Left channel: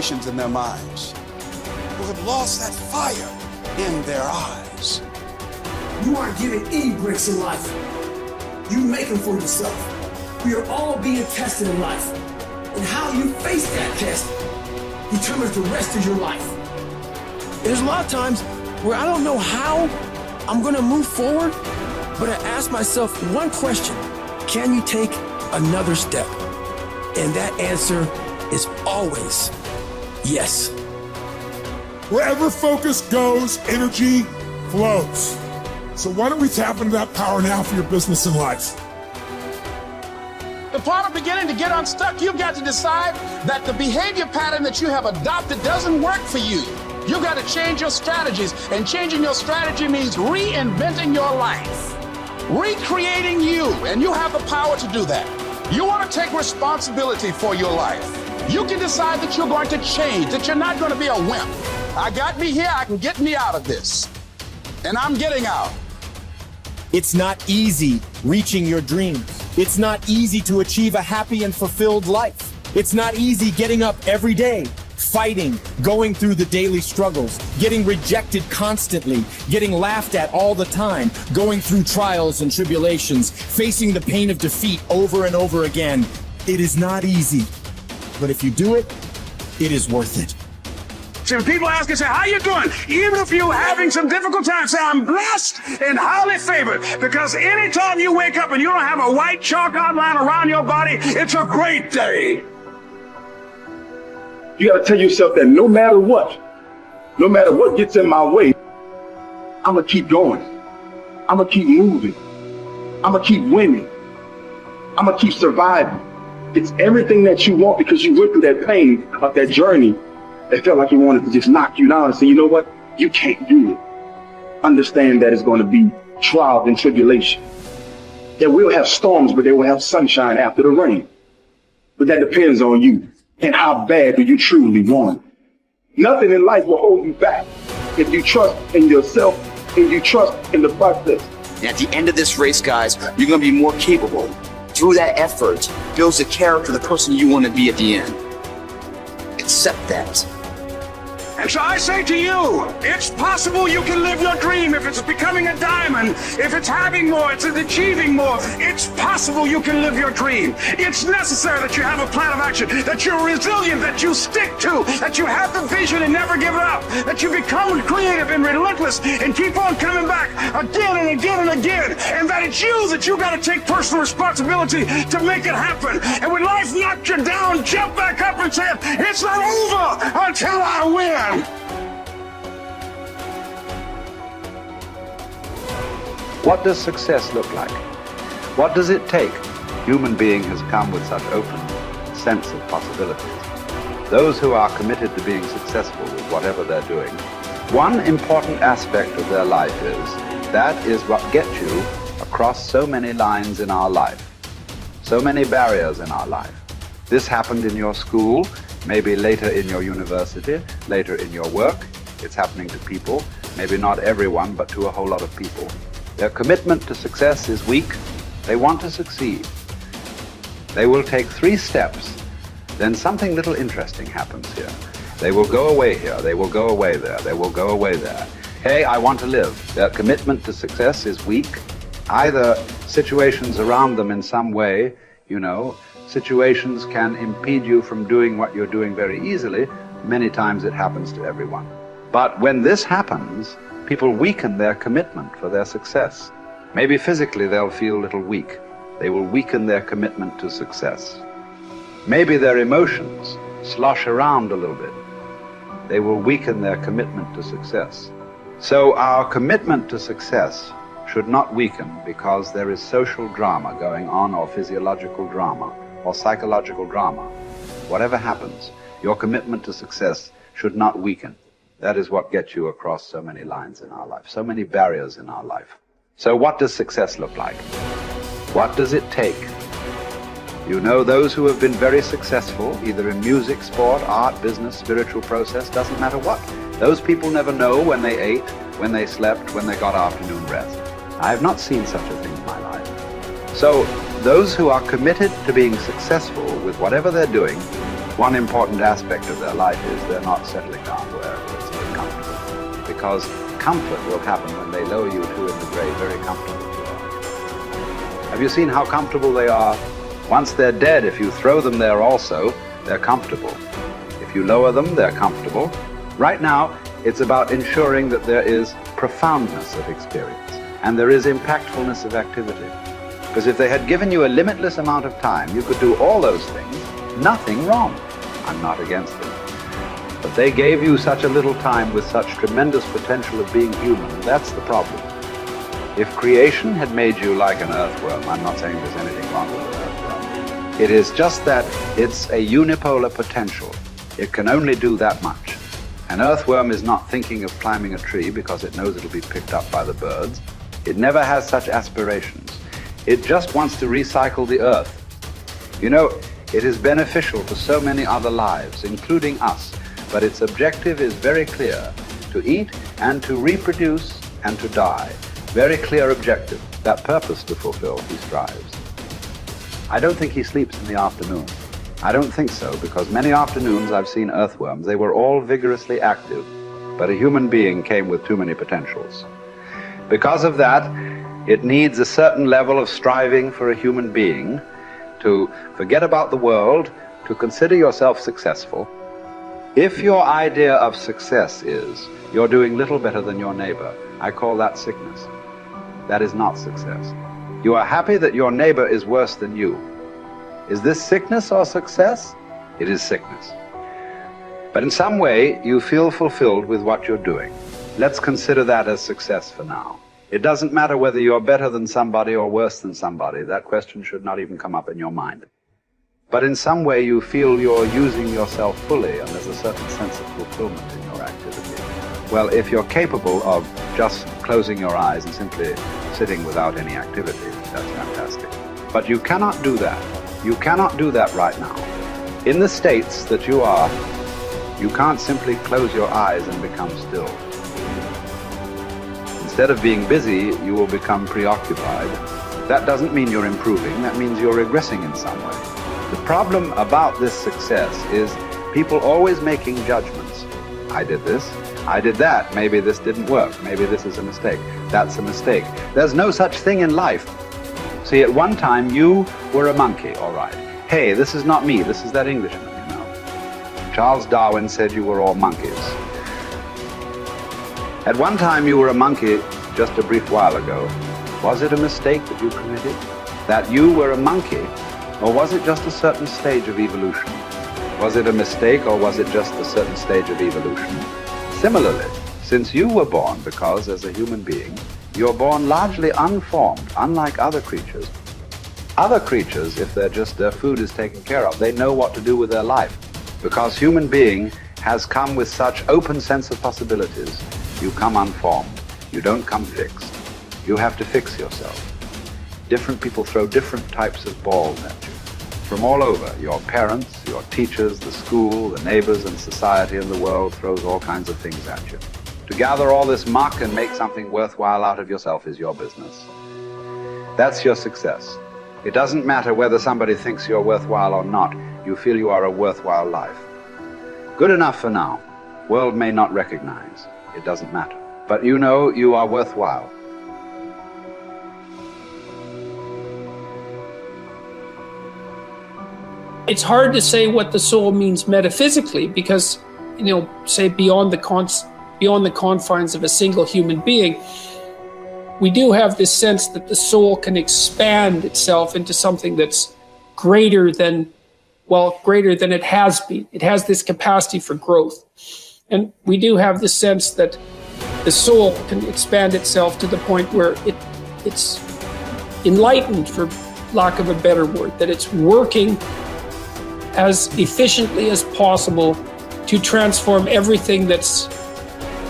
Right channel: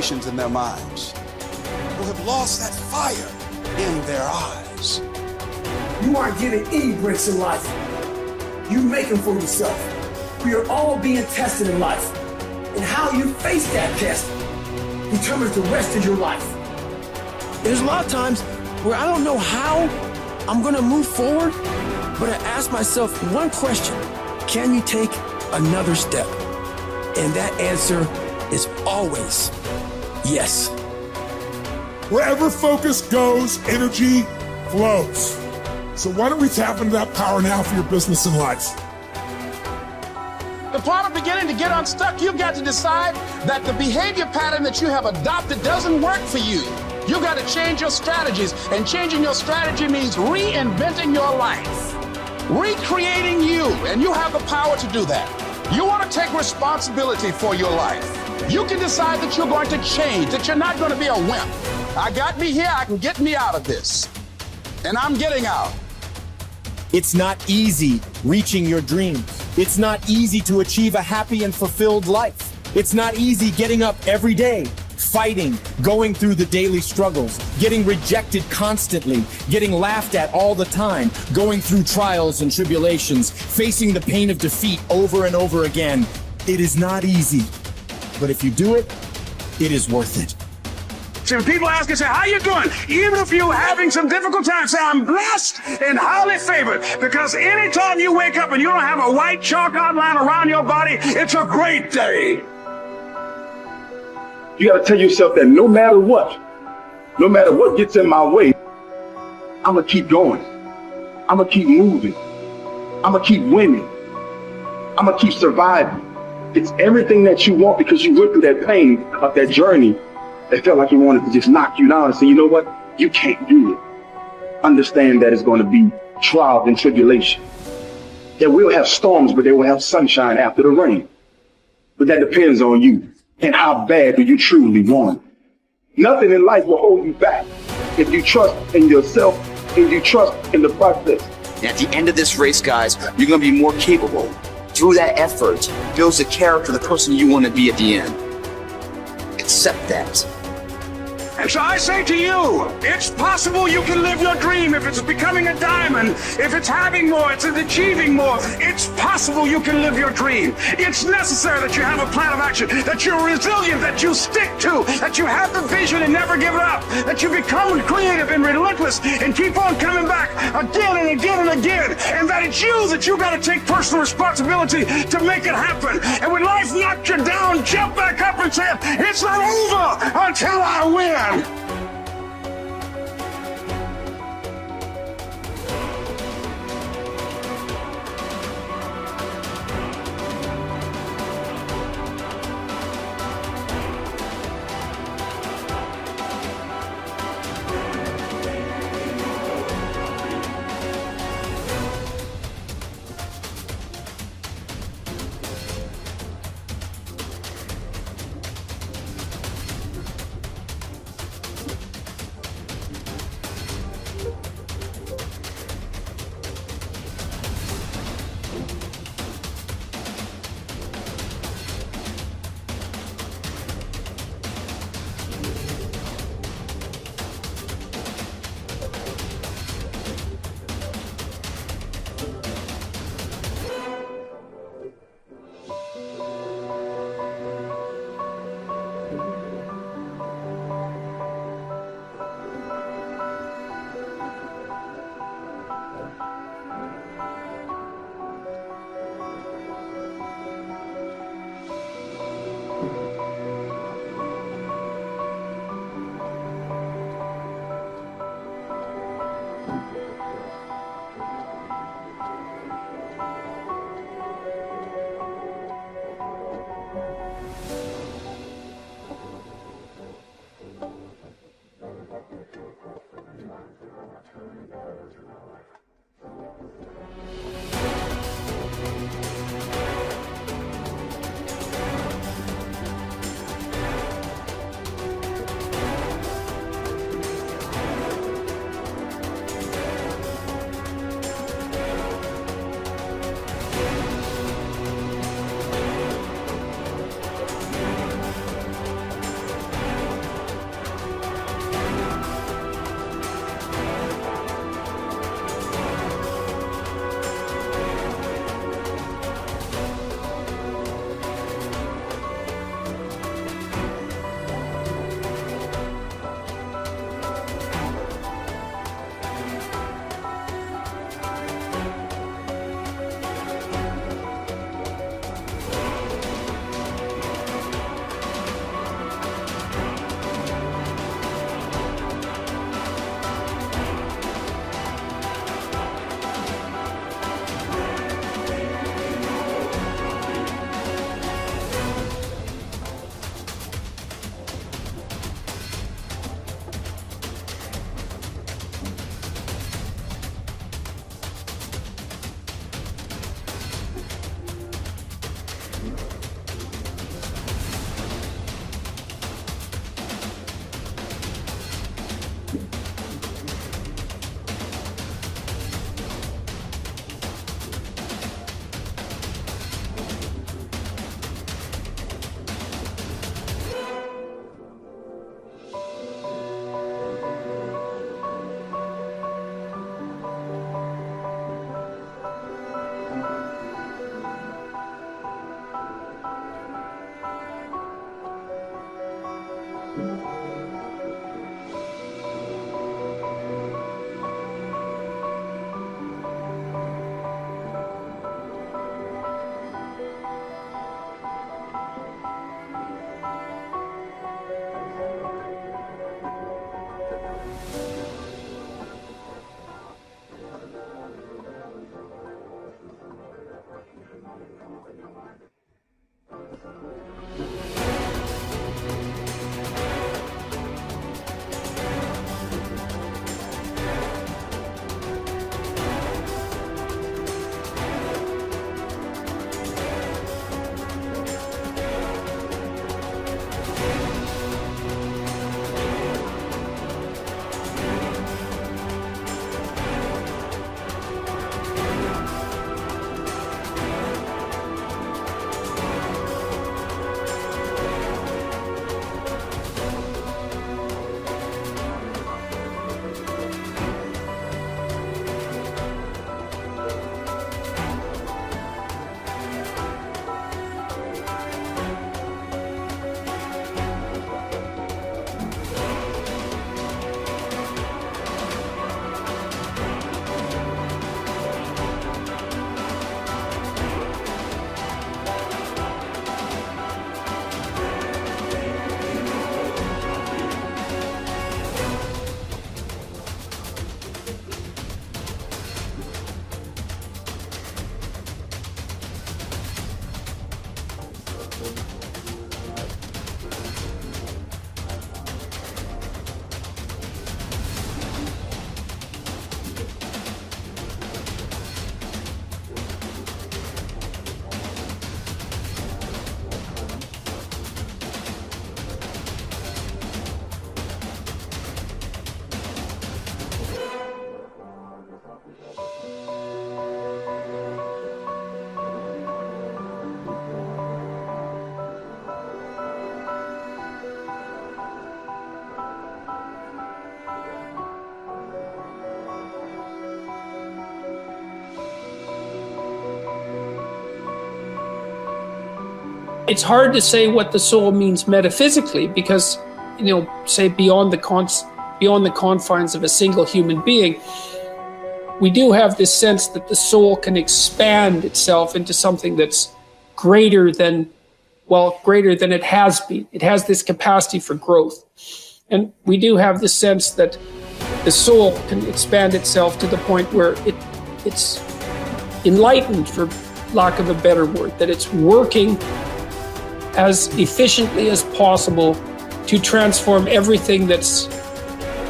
limitations in their minds, who have lost that fire in their eyes. You aren't given any breaks in life. You make them for yourself. We are all being tested in life. And how you face that test determines the rest of your life. There's a lot of times where I don't know how I'm gonna move forward, but I ask myself one question: can you take another step? And that answer is always yes. Wherever focus goes, energy flows. So why don't we tap into that power now for your business and life? The part of beginning to get unstuck, you've got to decide that the behavior pattern that you have adopted doesn't work for you. You've got to change your strategies, and changing your strategy means reinventing your life, recreating you, and you have the power to do that. You want to take responsibility for your life. You can decide that you're going to change, that you're not going to be a wimp. I got me here, I can get me out of this, and I'm getting out. It's not easy reaching your dreams. It's not easy to achieve a happy and fulfilled life. It's not easy getting up every day, fighting, going through the daily struggles, getting rejected constantly, getting laughed at all the time, going through trials and tribulations, facing the pain of defeat over and over again. It is not easy, but if you do it, it is worth it. See, when people ask you, say, how you doing? Even if you're having some difficult times, say, I'm blessed and highly favored. Because anytime you wake up and you don't have a white chalk outline around your body, it's a great day. You got to tell yourself that no matter what gets in my way, I'm going to keep going. I'm going to keep moving. I'm going to keep winning. I'm going to keep surviving. It's everything that you want, because you went through that pain of that journey. It felt like he wanted to just knock you down and say, you know what? You can't do it. Understand that it's going to be trials and tribulation. That we'll have storms, but they will have sunshine after the rain. But that depends on you and how bad do you truly want it. Nothing in life will hold you back if you trust in yourself and you trust in the process. And at the end of this race, guys, you're going to be more capable. Through that effort, builds the character, the person you want to be at the end. Accept that. And so I say to you, it's possible you can live your dream. If it's becoming a diamond, if it's having more, it's achieving more, it's possible you can live your dream. It's necessary that you have a plan of action, that you're resilient, that you stick to, that you have the vision and never give it up, that you become creative and relentless and keep on coming back again and again and again, and that it's you that you got to take personal responsibility to make it happen. And when life knocks you down, jump back up and say, it's not over until I win. What does success look like? What does it take? A human being has come with such open sense of possibilities. Those who are committed to being successful with whatever they're doing, one important aspect of their life that is what gets you across so many lines in our life, so many barriers in our life. This happened in your school, maybe later in your university, later in your work. It's happening to people, maybe not everyone, but to a whole lot of people. Their commitment to success is weak. They want to succeed. They will take 3 steps. Then something little interesting happens here. They will go away here. They will go away there. They will go away there. Hey, I want to live. Their commitment to success is weak. Either situations around them in some way, situations can impede you from doing what you're doing very easily. Many times it happens to everyone. But when this happens, people weaken their commitment for their success. Maybe physically they'll feel a little weak. They will weaken their commitment to success. Maybe their emotions slosh around a little bit. They will weaken their commitment to success. So our commitment to success should not weaken because there is social drama going on, or physiological drama, or psychological drama. Whatever happens, your commitment to success should not weaken. That is what gets you across so many lines in our life, so many barriers in our life. So what does success look like? What does it take? Those who have been very successful, either in music, sport, art, business, spiritual process, doesn't matter what. Those people never know when they ate, when they slept, when they got afternoon rest. I have not seen such a thing in my life. So those who are committed to being successful with whatever they're doing, one important aspect of their life is they're not settling down where it's very comfortable. Because comfort will happen when they lower you to the very, very comfortable. Have you seen how comfortable they are? Once they're dead, if you throw them there also, they're comfortable. If you lower them, they're comfortable. Right now, it's about ensuring that there is profoundness of experience and there is impactfulness of activity. Because if they had given you a limitless amount of time, you could do all those things, nothing wrong. I'm not against it. But they gave you such a little time with such tremendous potential of being human. That's the problem. If creation had made you like an earthworm, I'm not saying there's anything wrong with it. It is just that it's a unipolar potential. It can only do that much. An earthworm is not thinking of climbing a tree because it knows it'll be picked up by the birds. It never has such aspirations. It just wants to recycle the earth. You know, it is beneficial to so many other lives, including us, but its objective is very clear: to eat and to reproduce and to die. Very clear objective. That purpose to fulfill, he strives. I don't think he sleeps in the afternoon. I don't think so, because many afternoons I've seen earthworms. They were all vigorously active, but a human being came with too many potentials. Because of that, it needs a certain level of striving for a human being to forget about the world, to consider yourself successful. If your idea of success is you're doing little better than your neighbor, I call that sickness. That is not success. You are happy that your neighbor is worse than you. Is this sickness or success? It is sickness. But in some way, you feel fulfilled with what you're doing. Let's consider that as success for now. It doesn't matter whether you're better than somebody or worse than somebody. That question should not even come up in your mind. But in some way, you feel you're using yourself fully, and there's a certain sense of fulfillment in your activity. Well, if you're capable of just closing your eyes and simply sitting without any activity, that's fantastic. But you cannot do that. You cannot do that right now. In the states that you are, you can't simply close your eyes and become still. Instead of being busy, you will become preoccupied. That doesn't mean you're improving, that means you're regressing in some way. The problem about this success is people always making judgments. I did this, I did that, maybe this didn't work, maybe this is a mistake, that's a mistake. There's no such thing in life. See, at one time you were a monkey, all right. Hey, this is not me, this is that Englishman, you know. Charles Darwin said you were all monkeys. At one time you were a monkey just a brief while ago. Was it a mistake that you committed? That you were a monkey? Or was it just a certain stage of evolution? Was it a mistake or was it just a certain stage of evolution? Similarly, since you were born, because as a human being, you're born largely unformed, unlike other creatures. Other creatures, if their food is taken care of, they know what to do with their life. Because human being has come with such open sense of possibilities. You come unformed. You don't come fixed. You have to fix yourself. Different people throw different types of balls at you. From all over, your parents, your teachers, the school, the neighbors, and society and the world throws all kinds of things at you. To gather all this muck and make something worthwhile out of yourself is your business. That's your success. It doesn't matter whether somebody thinks you're worthwhile or not. You feel you are a worthwhile life. Good enough for now. World may not recognize. It doesn't matter. But you know you are worthwhile. It's hard to say what the soul means metaphysically because, say beyond the confines of a single human being, we do have this sense that the soul can expand itself into something that's greater than it has been. It has this capacity for growth. And we do have the sense that the soul can expand itself to the point where it's enlightened, for lack of a better word, that it's working as efficiently as possible to transform everything that's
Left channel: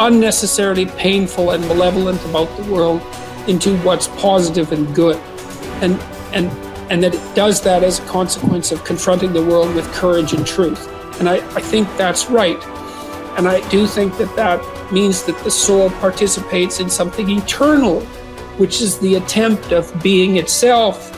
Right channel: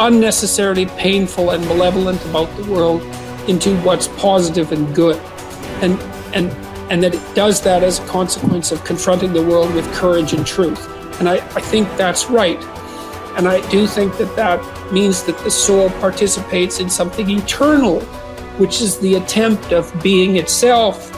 unnecessarily painful and malevolent about the world into what's positive and good. And that it does that as a consequence of confronting the world with courage and truth. And I think that's right. And I do think that means that the soul participates in something eternal, which is the attempt of being itself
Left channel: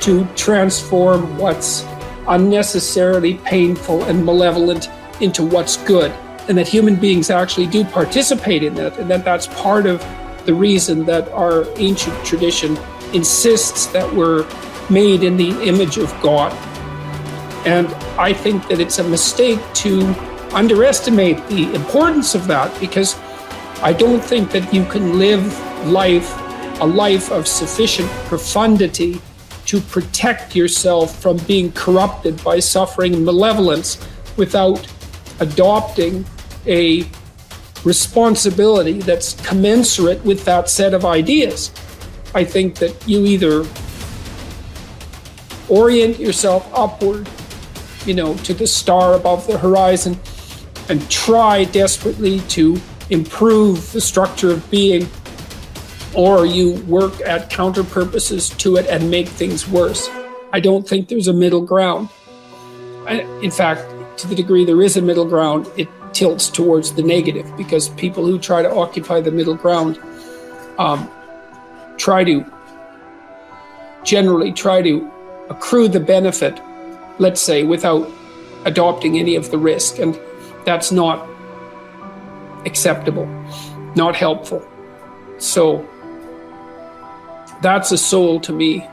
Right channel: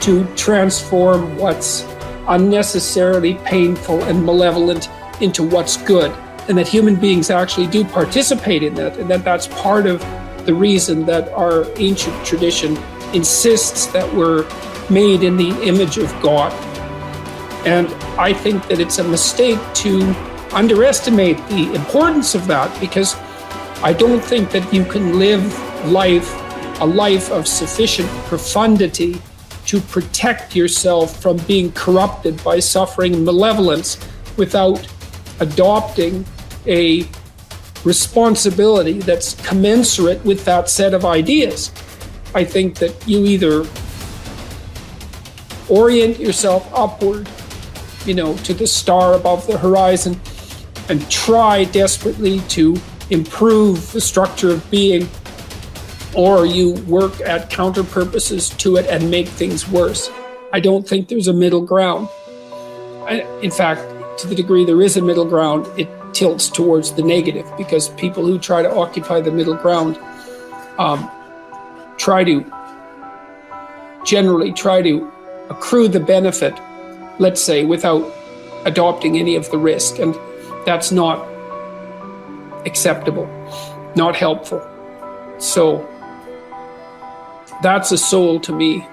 to transform what's unnecessarily painful and malevolent into what's good, and that human beings actually do participate in that, and that that's part of the reason that our ancient tradition insists that we're made in the image of God. And I think that it's a mistake to underestimate the importance of that, because I don't think that you can live a life of sufficient profundity to protect yourself from being corrupted by suffering and malevolence without adopting a responsibility that's commensurate with that set of ideas. I think that you either orient yourself upward, to the star above the horizon, and try desperately to improve the structure of being, or you work at counter purposes to it and make things worse. I don't think there's a middle ground. In fact, to the degree there is a middle ground, it tilts towards the negative, because people who try to occupy the middle ground generally try to accrue the benefit, let's say, without adopting any of the risk. And that's not acceptable, not helpful. So that's a soul to me.